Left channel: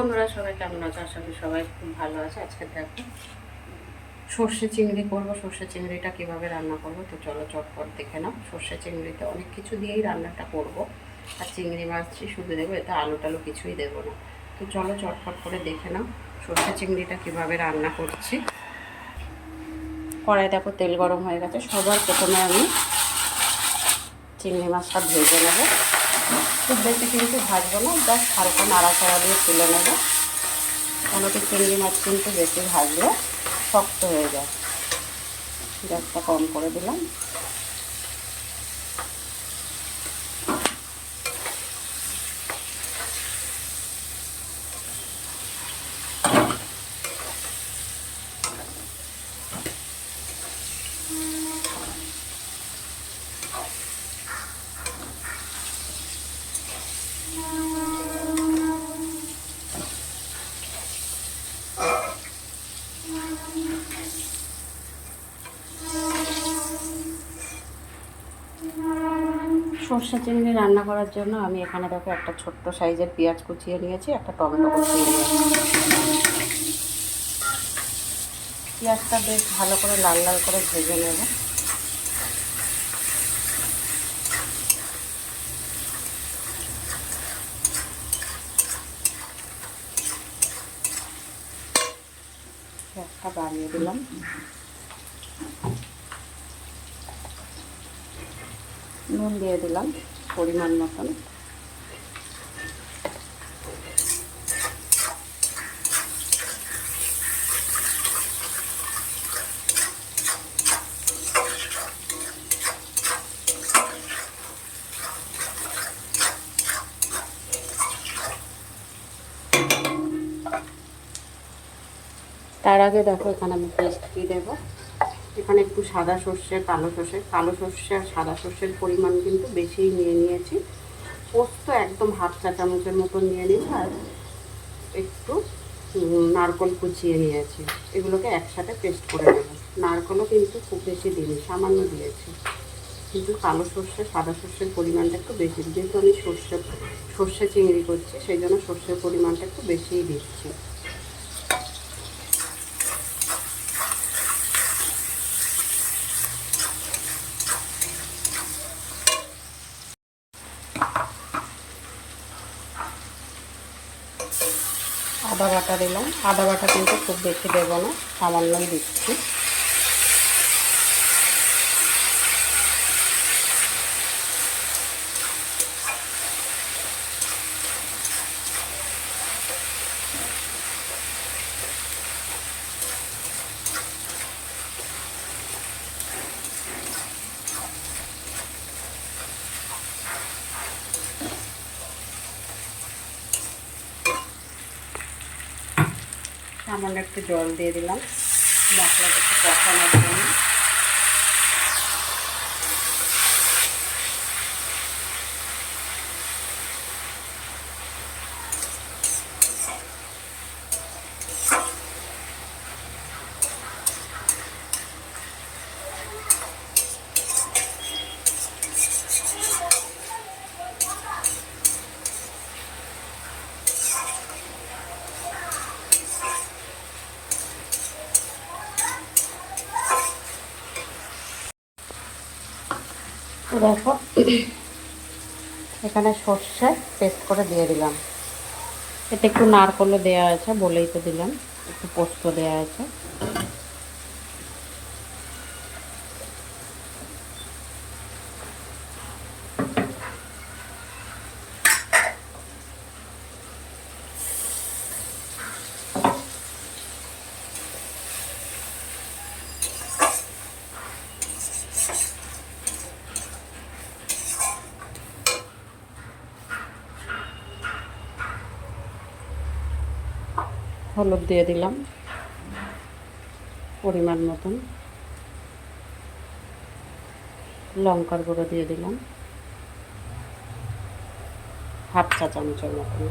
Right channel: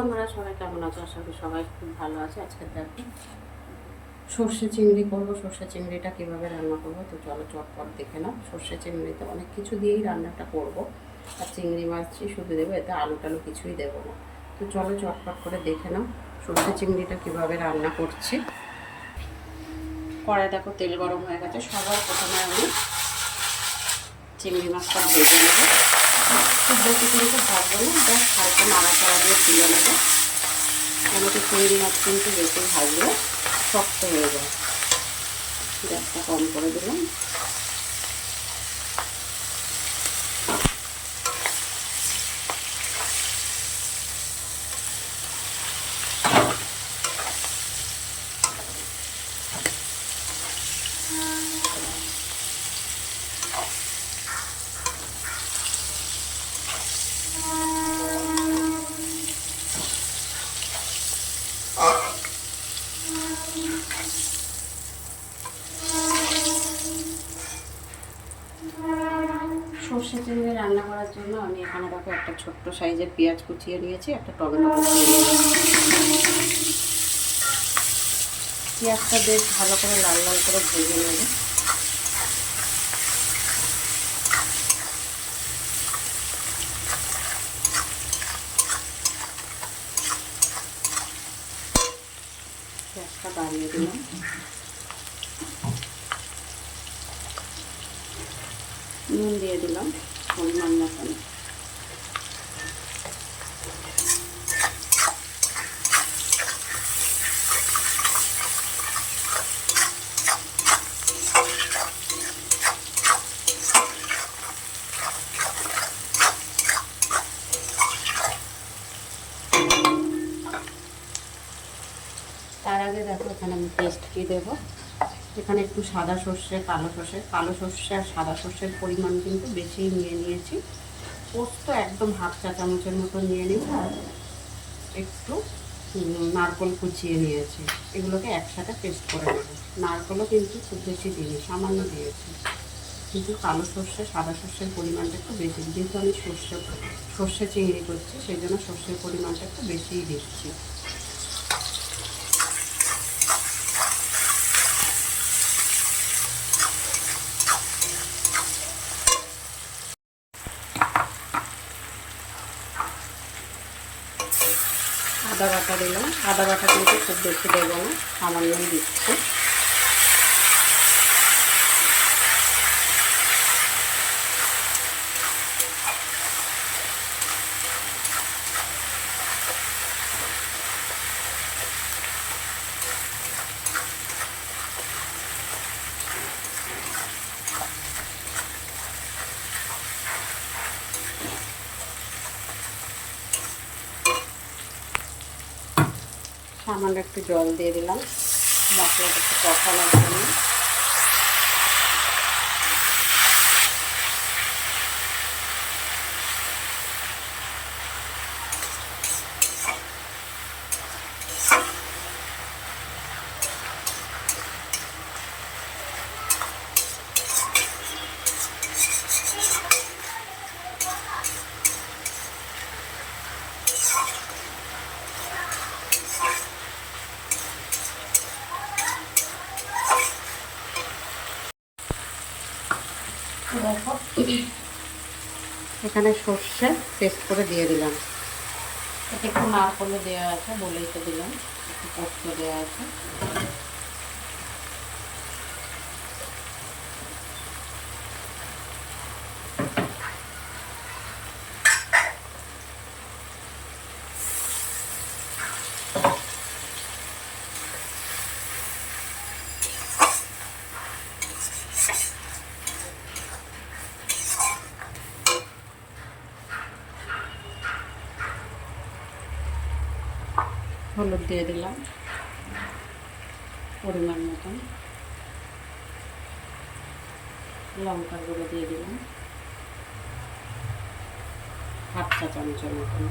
বন্ধুরা, সবাই কেমন আছো? আশা করি সবাই খুব ভালো আছে। আজকে দেখো সর্ষে চিংড়ি করবো। সর্ষে চিংড়িটা কীভাবে রান্না করবো তো চলো চটপট দেখে নাও। সর্ষে চিংড়িতে অনেক কিছু দিয়েই রান্নাটা করব, আর চিংড়ি মাছই শুধু দেবো, এতে আলু টালু কিছুই দেবো না। তো চলো চটপট করে দেখে নাও সর্ষে চিংড়িটা কীভাবে রান্না করছি। কড়াই দেখো তেল গরম হয়ে গেছে। সবার প্রথমে আমি চিংড়ি মাছটা ভেজে নেবো। খুব বেশি কিন্তু ভাজবো না, জাস্ট হালকা নাড়াচাড়া দিয়ে তুলে নেবো। টমেটো চিংড়ি মাছ কিন্তু বেশি ভাজলে শক্ত হয়ে যায়। গ্যাসটা কম করে দিলাম। সর্ষে চিংড়ি রান্না করার জন্য আমি এখানে দেখো একটা ছোট্ট সাইজের পেঁয়াজ কুচিয়ে নিয়েছি, একটা টমেটো কুচিয়ে নিয়েছি। পেঁয়াজটা বেশ ভালো করে লাল লাল করে ভেজে নেব। গ্যাসটা বাড়িয়ে দিলাম। নুন দিয়ে দিলাম পরিমাণ মতন। তার আগে দেখো এখানে আমি পেস্ট দিয়ে দেবো। এখানে একটু সাদা সর্ষে, কালো সর্ষে আর সাদা সর্ষের পরিমাণ কিন্তু বেশিই নিয়ে নিয়েছি। পোস্ত একদম হাফ চা চামচের মতো নিয়ে নিই, আর একটু নারকেল কুচিয়ে নিয়েছি। এগুলোকে একসাথে পেস্ট করে নেব। নারকেলও কিন্তু খুব বেশি দিইনি, সামান্য দিয়েছি, কিন্তু কালো সর্ষে সাদা সর্ষের পরিমাণটা একটু বেশি, যেহেতু আমি সর্ষে চিংড়ি করছি সেই জন্য সর্ষের পরিমাণটা একটু বেশিই দিচ্ছি। আদা বাটা দিলাম। আদা বাটা কিন্তু খুব বেশি দেবো না, সামান্যই দিচ্ছি। সামান্য একটু জল দিয়ে দিলাম মশলাটা একটু কষানোর জন্য। দেখো এখানে সর্ষে পেস্ট করে দিয়ে দিলাম। এতে একটু নারকেলও দেওয়া আছে, বলেই তো দিলাম। একটু পোস্ত দেওয়া আছে। হলুদ দিয়ে দিলাম পরিমাণ মতন। লঙ্কার গুঁড়ো দিয়ে দিলাম হাফ চা চামচের মতন।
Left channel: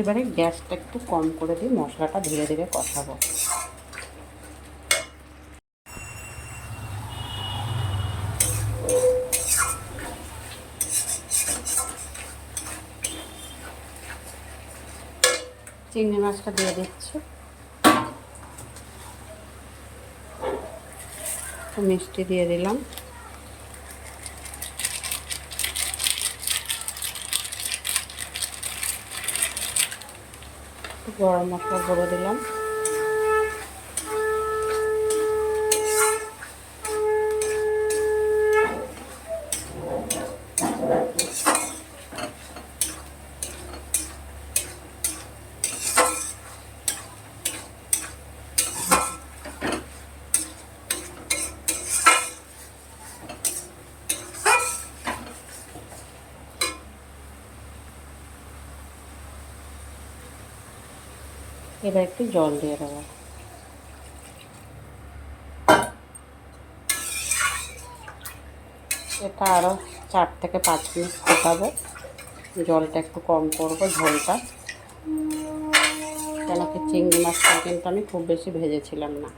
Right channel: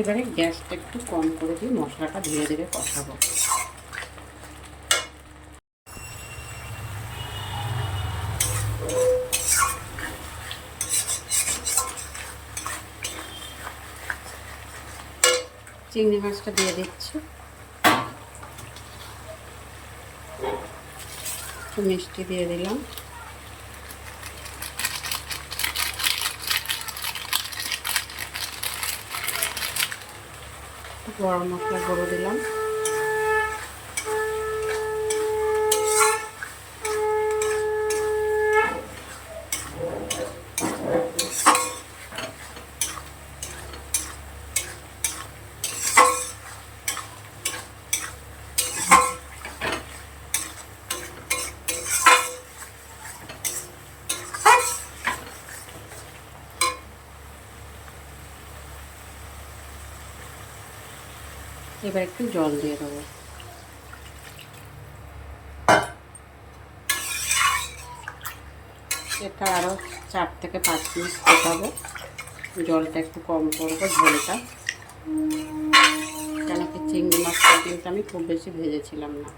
এবারে গ্যাসটা একটু কম করে দিয়ে মশলাটা ধীরে ধীরে কষাবো। চিংড়ি মাছটা দিয়ে দিচ্ছি, একটু মিষ্টি দিয়ে দিলাম, একটু গরম মশলা গুঁড়ো দিলাম, এবার একটু জল দিয়ে দেবো। এটা আরও 4 থেকে 5 মিনিট ফোটাবো। জলটা একটু কম করবো, ঝোলটা, কেন কি চিংড়ি মাছটা কিন্তু আমি খুব বেশি ভেজেছিলাম না।